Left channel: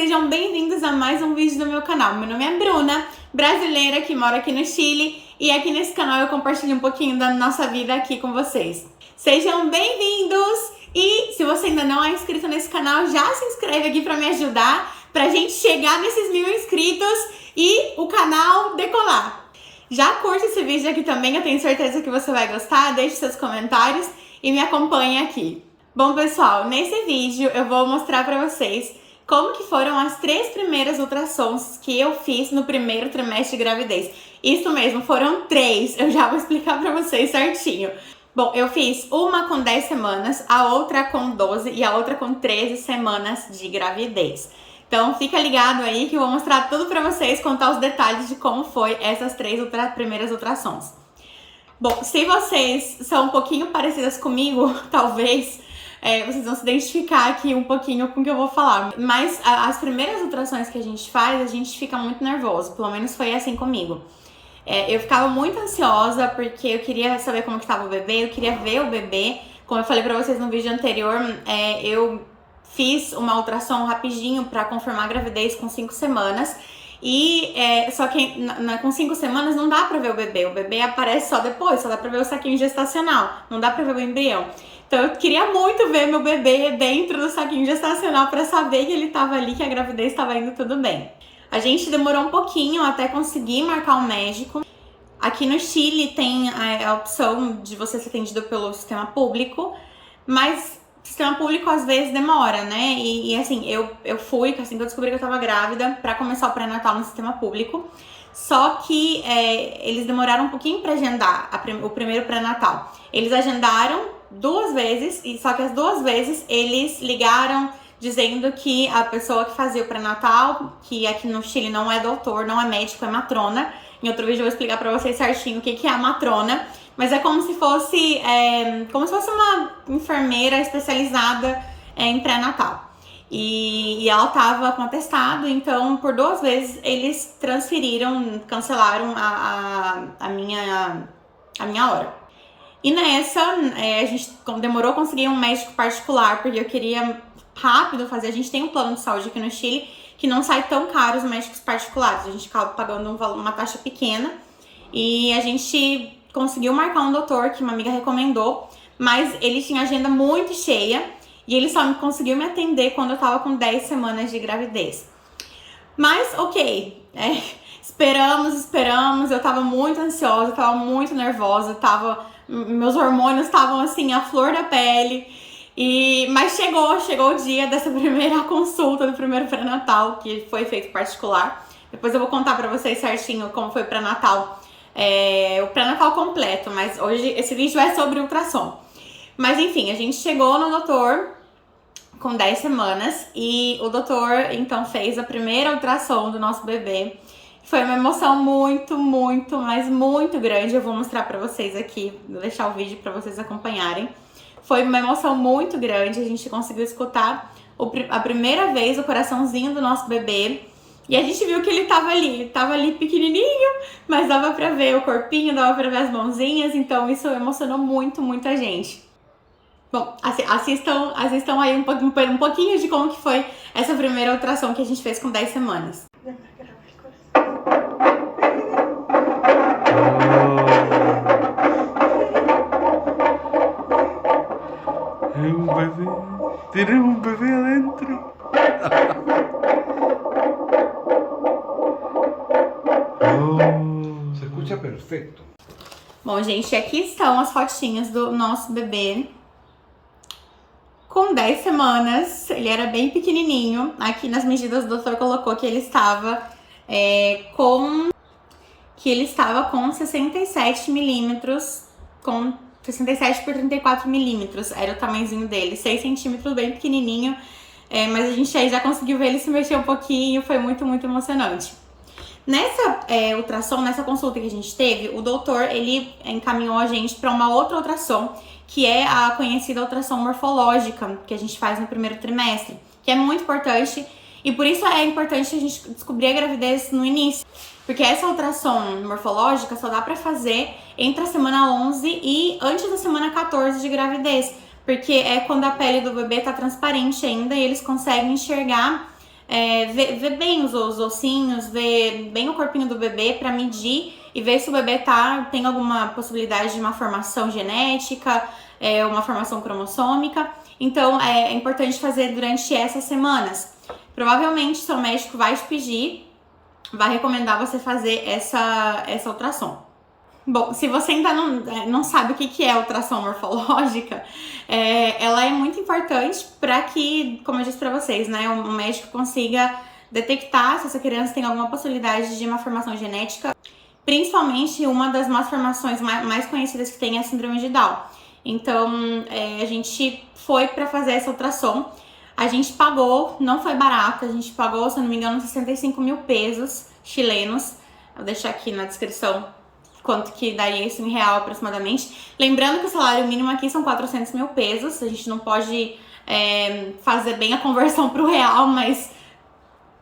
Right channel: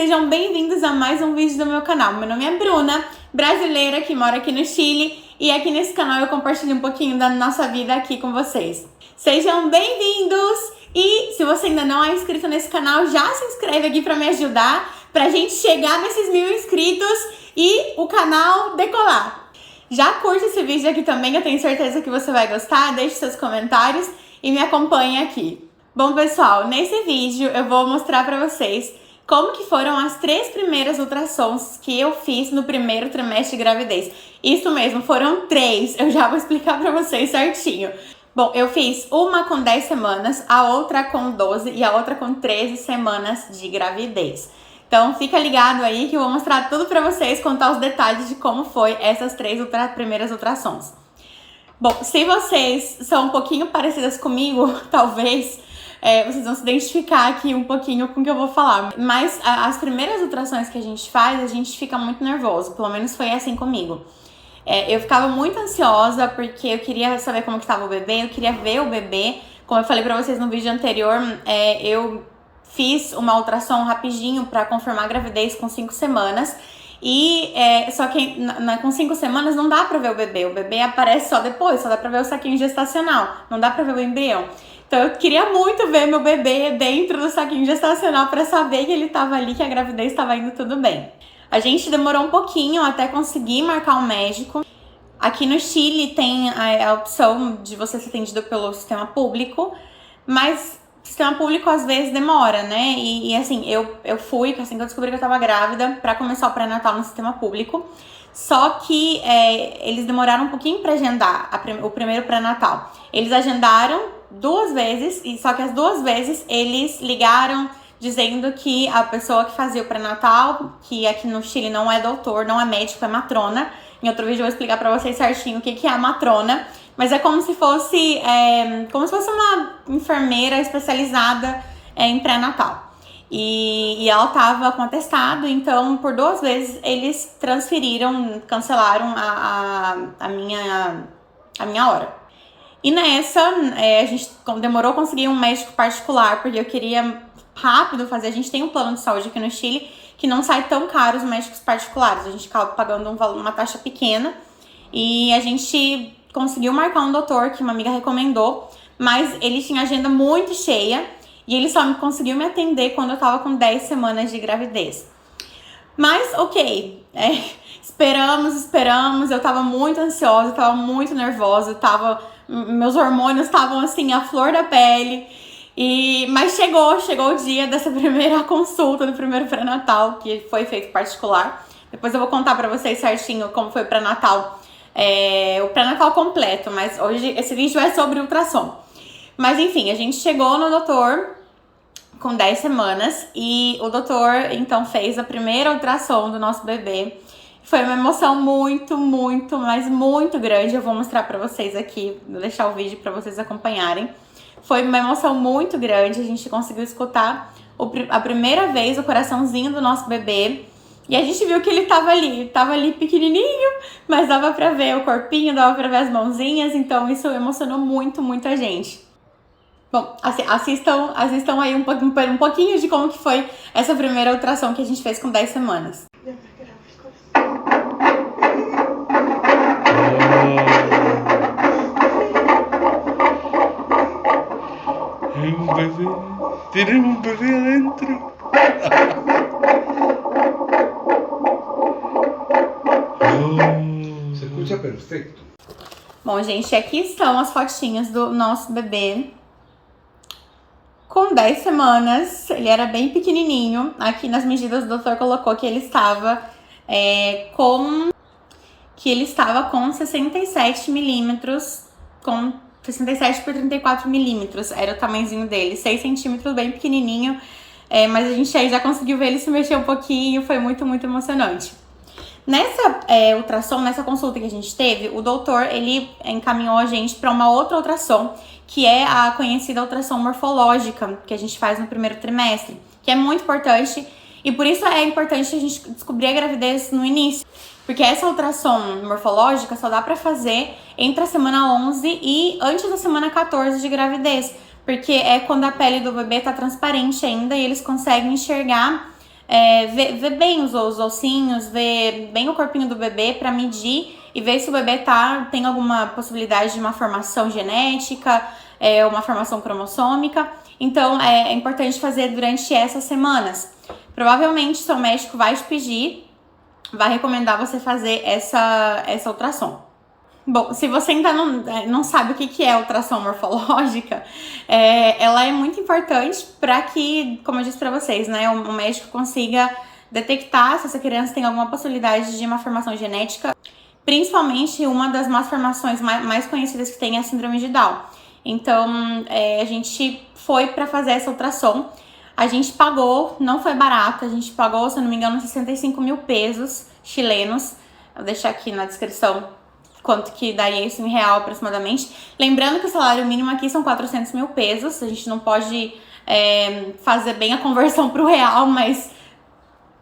Sejam bem-vindos a mais um vídeo do meu canal. Meu nome é Bruna, brasileira que mora aqui no Chile, e aqui nesse canal eu compartilho um pouquinho da nossa vida aqui com vocês. Sejam bem-vindos! E se você ainda não é inscrito nesse canal, já se inscreve aqui para me ajudar, pra gente chegar nesses 1000 inscritos e o canal decolar. Já curte esse vídeo aqui também, eu tenho certeza que você vai gostar, deixe seus comentários e me acompanhe aqui. Bom, pessoal, nesse vídeo eu vou mostrar pra vocês como que foram as 3 primeiras ultrassons que eu fiz no primeiro trimestre de gravidez. Isso mesmo, foram 3, eu já vou explicar pra vocês certinho. Bom, eu fiz uma com 10 semanas, a outra com 12 e a outra com 13 semanas de gravidez. Então fica ligado aí que eu vou mostrar tudo pra vocês, contar os detalhes de como foi essas 3 primeiras ultrassons. Bom, se vocês são um pouquinho parecidas comigo, talvez vocês vão se identificar aqui um pouquinho com o que eu vou falar. Mas as primeiras ultrassons que a gente faz, a gente fica muito nervoso, pelo menos foi assim comigo. Eu ficava muito ansiosa porque eu queria saber como que estava o bebê, eu queria ver o bebê. Como eu falei pra vocês no vídeo anterior, eu fiz uma ultrassom rapidinho pra confirmar a gravidez com 5 semanas. E só que com 5 semanas não dá pra ver o bebê aparece só depois, só dá pra ver o saquinho gestacional, não dá pra ver o embrião. Então eu queria muito ver meu bebê dentro do saquinho gestacional pra saber que ele tava ali, que a gravidez tava indo tudo bem. A gente demorou um pouquinho até conseguir marcar um médico. Aqui no Chile tem a opção de você ser atendido pelo sistema público, mas o sistema público às vezes demora, né? E assim, eu fui, assim que eu descobri que eu tava grávida, pra começar o pré-natal no sistema público. Só que eles demoraram um pouquinho pra agendar o primeiro pré-natal. Eles agendaram 2 vezes, e só que as 2 vezes eles ligaram dizendo que a pessoa que fazia o pré-natal, que aqui no Chile não é doutor, não é médico, é matrona. Em outro vídeo eu vou explicar pra vocês certinho o que é a matrona. Mas é como se fosse uma enfermeira especializada em pré-natal. E ela tava com atestado, então por 2 vezes eles cancelaram a minha hora. E nessa, a gente demorou a conseguir um médico particular, porque eu queria rápido fazer. A gente tem um plano de saúde aqui no Chile que não sai tão caro os médicos particulares. A gente acaba pagando uma taxa pequena. E a gente conseguiu marcar um doutor que uma amiga recomendou, mas ele tinha agenda muito cheia e ele só conseguiu me atender quando eu tava com 10 semanas de gravidez. Mas, ok, esperamos, eu tava muito ansiosa, eu tava muito nervosa, meus hormônios estavam assim, à flor da pele. Mas chegou o dia dessa primeira consulta, do primeiro pré-natal, que foi feito particular. Depois eu vou contar pra vocês certinho como foi o pré-natal, o pré-natal completo, mas hoje esse vídeo é sobre ultrassom. Mas enfim, a gente chegou no doutor com 10 semanas e o doutor então fez a primeira ultrassom do nosso bebê. Foi uma emoção muito, muito, mas muito grande. Eu vou mostrar pra vocês aqui, vou deixar o vídeo pra vocês acompanharem. Foi uma emoção muito grande, a gente conseguiu escutar a primeira vez o coraçãozinho do nosso bebê. E a gente viu que ele tava ali pequenininho, mas dava pra ver o corpinho, dava pra ver as mãozinhas, então isso emocionou muito, muito a gente. Bom, assistam aí um pouquinho de como que foi essa primeira ultrassom que a gente fez com 10 semanas. Tiene un bebé adentro. Se escucha perfeito. Bom, gente, aqui estão as fotinhas do nosso bebê com 10 semanas. Ele era bem pequenininho. Aqui nas medidas o doutor colocou que ele estava com 67 milímetros, com 67 por 34 milímetros, era o tamanhozinho dele, 6 centímetros, bem pequenininho, mas a gente aí já conseguiu ver ele se mexer um pouquinho, foi muito, muito emocionante. Nessa ultrassom, nessa consulta que a gente teve, o doutor, ele encaminhou a gente para uma outra ultrassom, que é a conhecida ultrassom morfológica, que a gente faz no primeiro trimestre, que é muito importante, e por isso é importante a gente descobrir a gravidez no início. Porque essa ultrassom morfológica só dá pra fazer entre a semana 11 e antes da semana 14 de gravidez. Porque é quando a pele do bebê tá transparente ainda e eles conseguem enxergar ver bem os ossinhos, ver bem o corpinho do bebê para medir e ver se o bebê tem alguma possibilidade de uma formação genética, uma formação cromossômica. Então, é importante fazer durante essas semanas. Provavelmente, seu médico vai te pedir, vai recomendar você fazer essa ultrassom. Bom, se você ainda não sabe o que é ultrassom morfológica, ela é muito importante para que, como eu disse para vocês, né, o médico consiga detectar se essa criança tem alguma possibilidade de uma formação genética, principalmente uma das malformações mais conhecidas que tem é a síndrome de Down. Então, a gente foi para fazer essa ultrassom. A gente pagou, não foi barato, a gente pagou, se eu não me engano, 65 mil pesos chilenos. Vou deixar aqui na descrição quanto que daria isso em real aproximadamente. Lembrando que o salário mínimo aqui são 400 mil pesos. A gente não pode fazer bem a conversão para o real, mas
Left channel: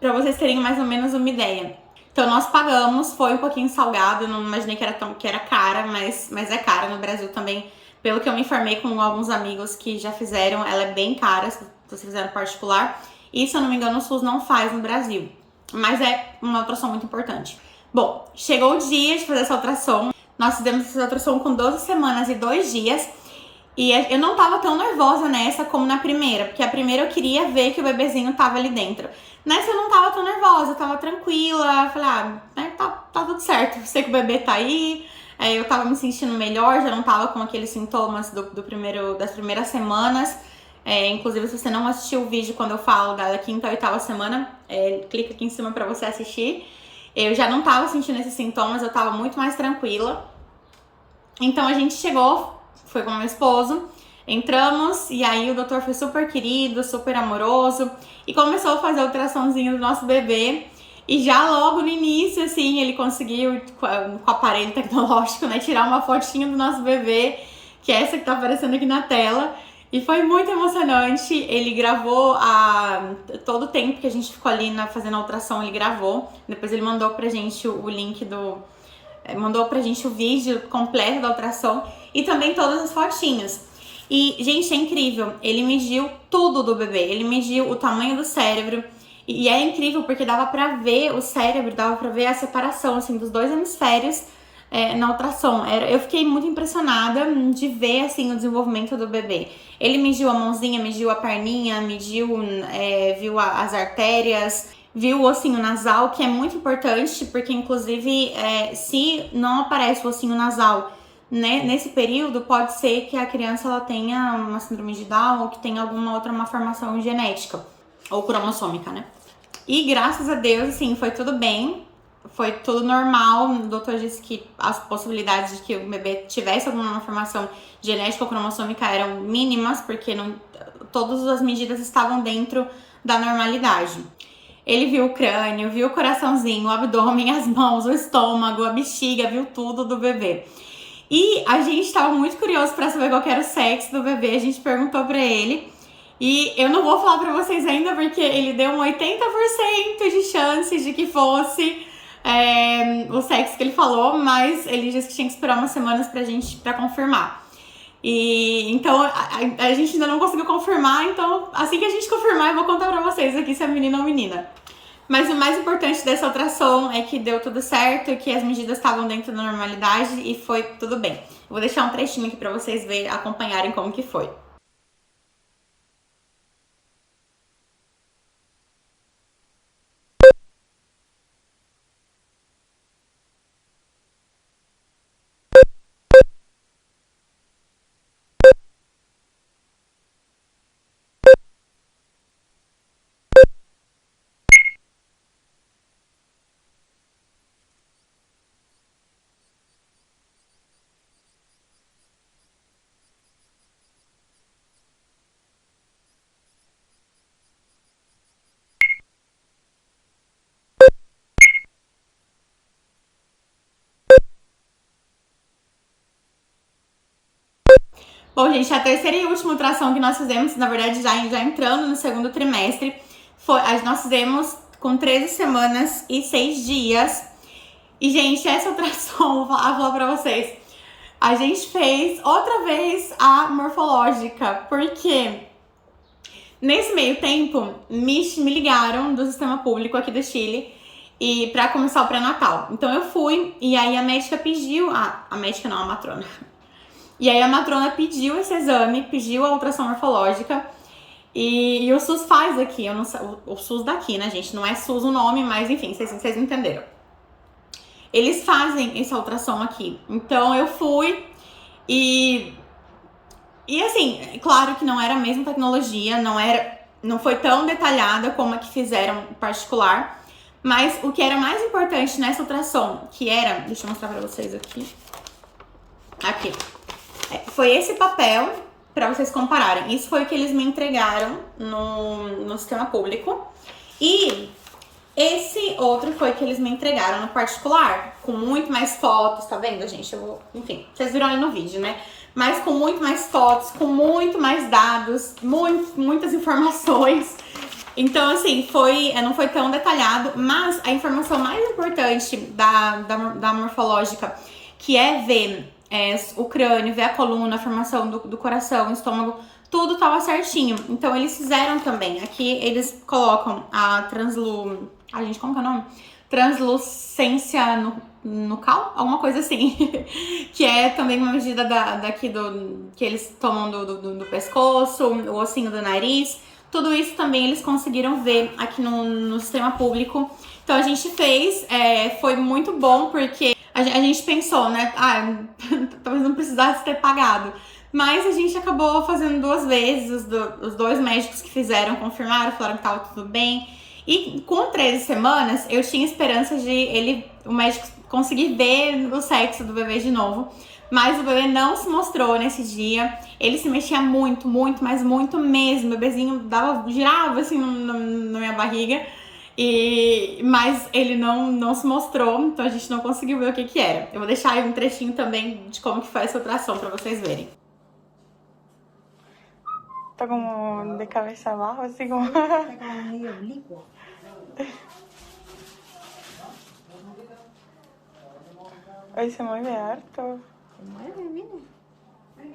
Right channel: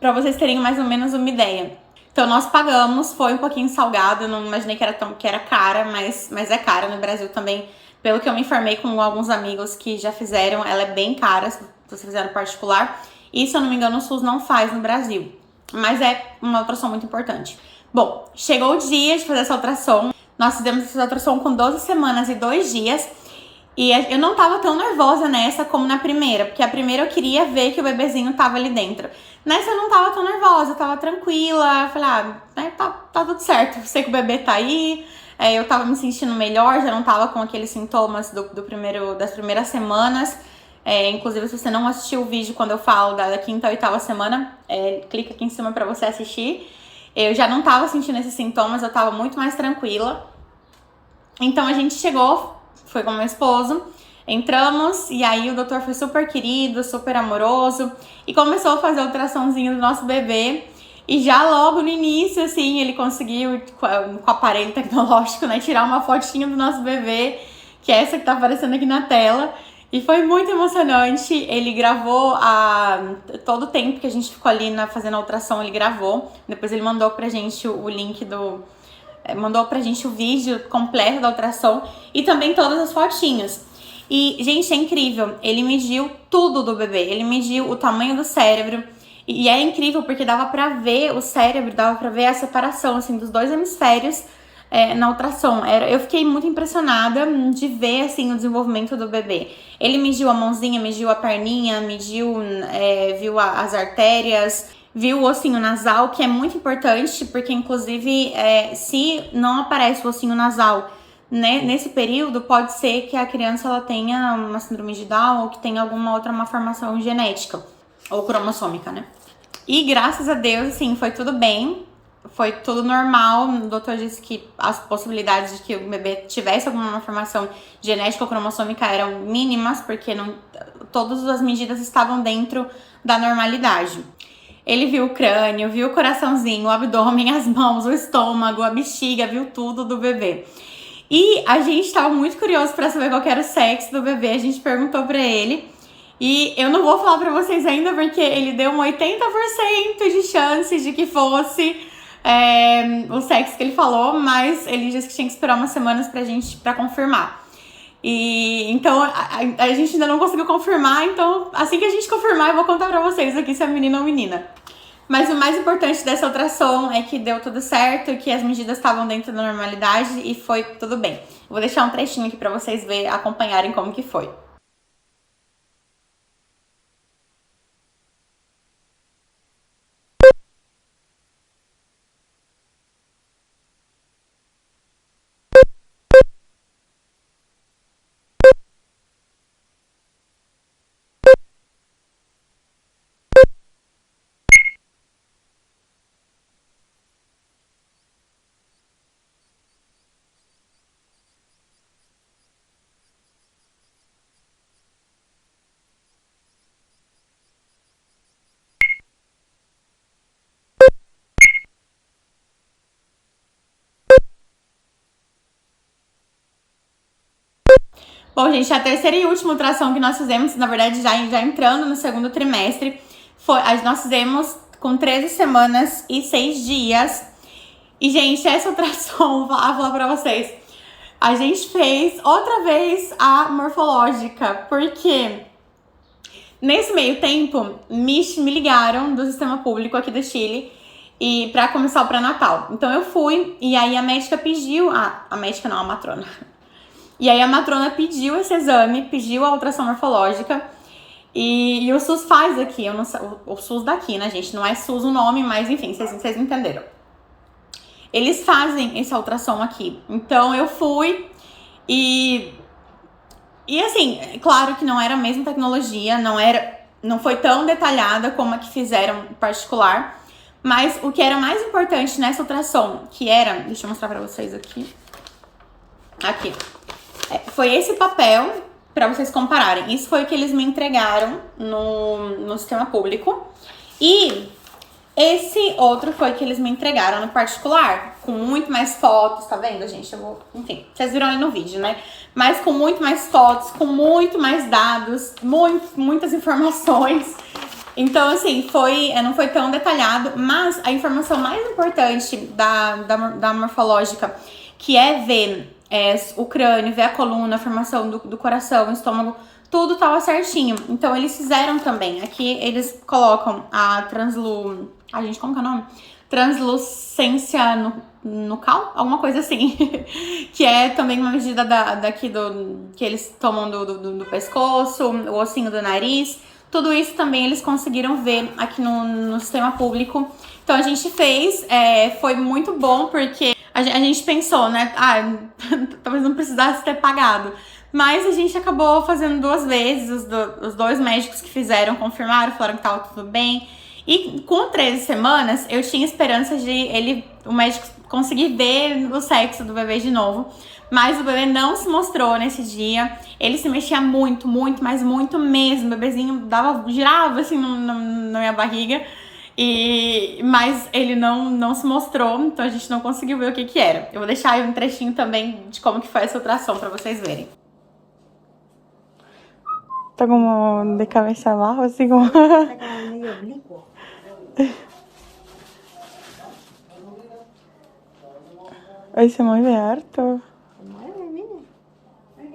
para vocês terem mais ou menos uma ideia. Então nós pagamos, foi um pouquinho salgado, eu não imaginei que era cara, mas é cara no Brasil também. Pelo que eu me informei com alguns amigos que já fizeram, ela é bem cara se você fizer no particular. E se eu não me engano, o SUS não faz no Brasil. Mas é uma ultrassom muito importante. Bom, chegou o dia de fazer essa ultrassom. Nós fizemos essa ultrassom com 12 semanas e 2 dias. E eu não tava tão nervosa nessa como na primeira, porque a primeira eu queria ver que o bebezinho tava ali dentro. Nessa eu não tava tão nervosa, eu tava tranquila. Falei, tá tudo certo, eu sei que o bebê tá aí. Eu tava me sentindo melhor, já não tava com aqueles sintomas das primeiras semanas. Inclusive, se você não assistiu o vídeo quando eu falo da 5ª ou 8ª semana, clica aqui em cima pra você assistir. Eu já não tava sentindo esses sintomas, eu tava muito mais tranquila. Então a gente chegou, foi com meu esposo, entramos e aí o doutor foi super querido, super amoroso e começou a fazer o ultrassomzinho do nosso bebê. E já logo no início, assim, ele conseguiu, com o aparelho tecnológico, né, tirar uma fotinha do nosso bebê, que é essa que tá aparecendo aqui na tela. E foi muito emocionante. Ele gravou todo o tempo que a gente ficou ali fazendo a ultrassom, ele gravou. Depois ele mandou pra gente o link mandou pra gente o vídeo completo da ultrassom e também todas as fotinhas. E, gente, é incrível. Ele mediu tudo do bebê. Ele mediu o tamanho do cérebro. E é incrível porque dava pra ver o cérebro, dava pra ver a separação, assim, dos 2 hemisférios na ultrassom. Eu fiquei muito impressionada de ver, assim, o desenvolvimento do bebê. Ele mediu a mãozinha, mediu a perninha, viu as artérias, viu o ossinho nasal, que é muito importante, porque, inclusive, se não aparece o ossinho nasal, né, nesse período, pode ser que a criança ela tenha uma síndrome de Down ou que tenha alguma outra malformação genética ou cromossômica, né? E graças a Deus, assim, foi tudo bem, foi tudo normal. O doutor disse que as possibilidades de que o bebê tivesse alguma malformação genética ou cromossômica eram mínimas, porque todas as medidas estavam dentro da normalidade. Ele viu o crânio, viu o coraçãozinho, o abdômen, as mãos, o estômago, a bexiga, viu tudo do bebê. E a gente estava muito curioso para saber qual era o sexo do bebê, a gente perguntou para ele. E eu não vou falar pra vocês ainda, porque ele deu um 80% de chance de que fosse o sexo que ele falou, mas ele disse que tinha que esperar umas semanas pra confirmar. E então a gente ainda não conseguiu confirmar, então assim que a gente confirmar eu vou contar pra vocês aqui se é menino ou menina. Mas o mais importante dessa ultrassom é que deu tudo certo, que as medidas estavam dentro da normalidade e foi tudo bem. Eu vou deixar um trechinho aqui pra vocês acompanharem como que foi. Bom, gente, a terceira e última ultrassom que nós fizemos, na verdade, já entrando no 2º trimestre, nós fizemos com 13 semanas e 6 dias. E, gente, essa ultrassom, vou falar pra vocês, a gente fez outra vez a morfológica, porque Nesse meio tempo, me ligaram do sistema público aqui do Chile e pra começar o pré-natal. Então eu fui e aí a médica pediu... a médica não, a matrona. E aí a matrona pediu esse exame, pediu a ultrassom morfológica. E o SUS faz aqui, eu não sei, o SUS daqui, né, gente? Não é SUS o nome, mas enfim, vocês entenderam. Eles fazem esse ultrassom aqui. Então eu fui e assim, claro que não era a mesma tecnologia, não foi tão detalhada como a que fizeram em particular. Mas o que era mais importante nessa ultrassom, que era... Deixa eu mostrar pra vocês aqui. Aqui. Foi esse papel pra vocês compararem. Isso foi o que eles me entregaram no sistema público. E esse outro foi o que eles me entregaram no particular, com muito mais fotos, tá vendo, gente? Enfim, vocês viram ali no vídeo, né? Mas com muito mais fotos, com muito mais dados, muitas informações. Então, assim, não foi tão detalhado, mas a informação mais importante da morfológica, que é ver o crânio, ver a coluna, a formação do coração, o estômago, tudo tava certinho. Então, eles fizeram também. Aqui, eles colocam a gente, como que é o nome? Translucência nucal? Alguma coisa assim. Que é também uma medida que eles tomam do pescoço, o ossinho do nariz. Tudo isso também eles conseguiram ver aqui no sistema público. Então, a gente fez, foi muito bom, porque a gente pensou, né? Talvez não precisasse ter pagado. Mas a gente acabou fazendo 2 vezes, os 2 médicos que fizeram confirmaram, falaram que tava tudo bem. E com 13 semanas, eu tinha esperança de o médico conseguir ver o sexo do bebê de novo. Mas o bebê não se mostrou nesse dia. Ele se mexia muito, mas muito mesmo. O bebezinho girava assim na minha barriga. Mas ele não se mostrou, então a gente não conseguiu ver o que era. Eu vou deixar aí um trechinho também de como que foi essa ultrassom pra vocês verem. Tá como de cabeça abaixo, assim como... Está como medio oblicuo. Ay, se mueve harto. Se mueve, mire. Ay,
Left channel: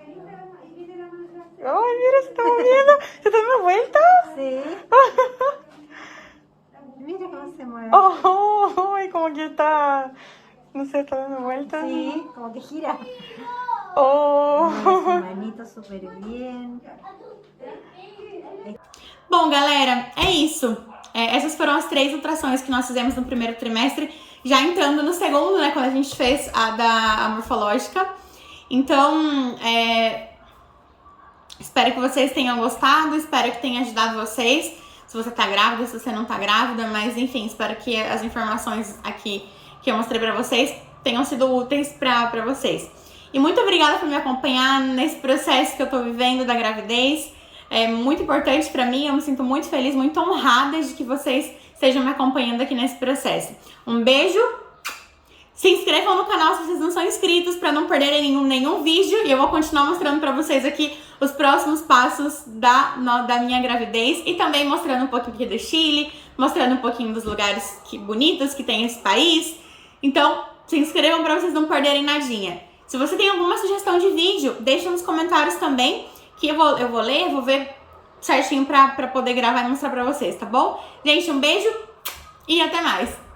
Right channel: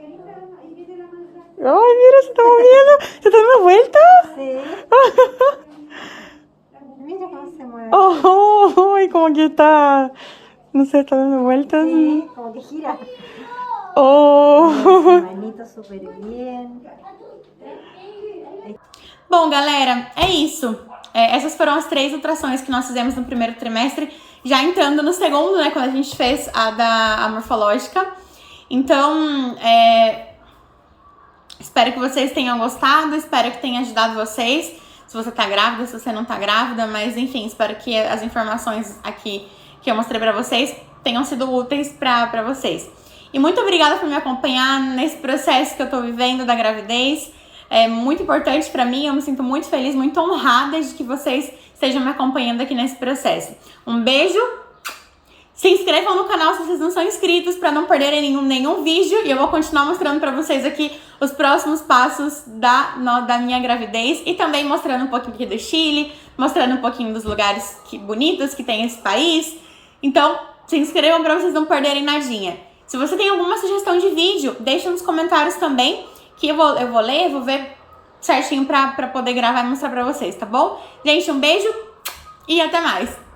mira, se está moviendo. ¿Se está dando vueltas? Sí. Mira cómo se mueve. Oh, y como que está... No sé, está dando vueltas. Sí, como que gira. Oh. Mueve su manito súper bien. Bom, galera, é isso. Essas foram as 3 ultrassons que nós fizemos no primeiro trimestre. Já entrando no segundo, né, quando a gente fez a morfológica. Então, espero que vocês tenham gostado, espero que tenha ajudado vocês. Se você tá grávida, se você não tá grávida, mas enfim, espero que as informações aqui que eu mostrei pra vocês tenham sido úteis pra vocês. E muito obrigada por me acompanhar nesse processo que eu tô vivendo da gravidez. É muito importante pra mim, eu me sinto muito feliz, muito honrada de que vocês estejam me acompanhando aqui nesse processo. Um beijo! Se inscrevam no canal se vocês não são inscritos para não perderem nenhum vídeo. E eu vou continuar mostrando para vocês aqui os próximos passos da minha gravidez. E também mostrando um pouquinho aqui do Chile, mostrando um pouquinho dos lugares bonitos que tem esse país. Então, se inscrevam para vocês não perderem nadinha. Se você tem alguma sugestão de vídeo, deixa nos comentários também, que eu vou ler, vou ver certinho para poder gravar e mostrar para vocês, tá bom? Gente, um beijo e até mais!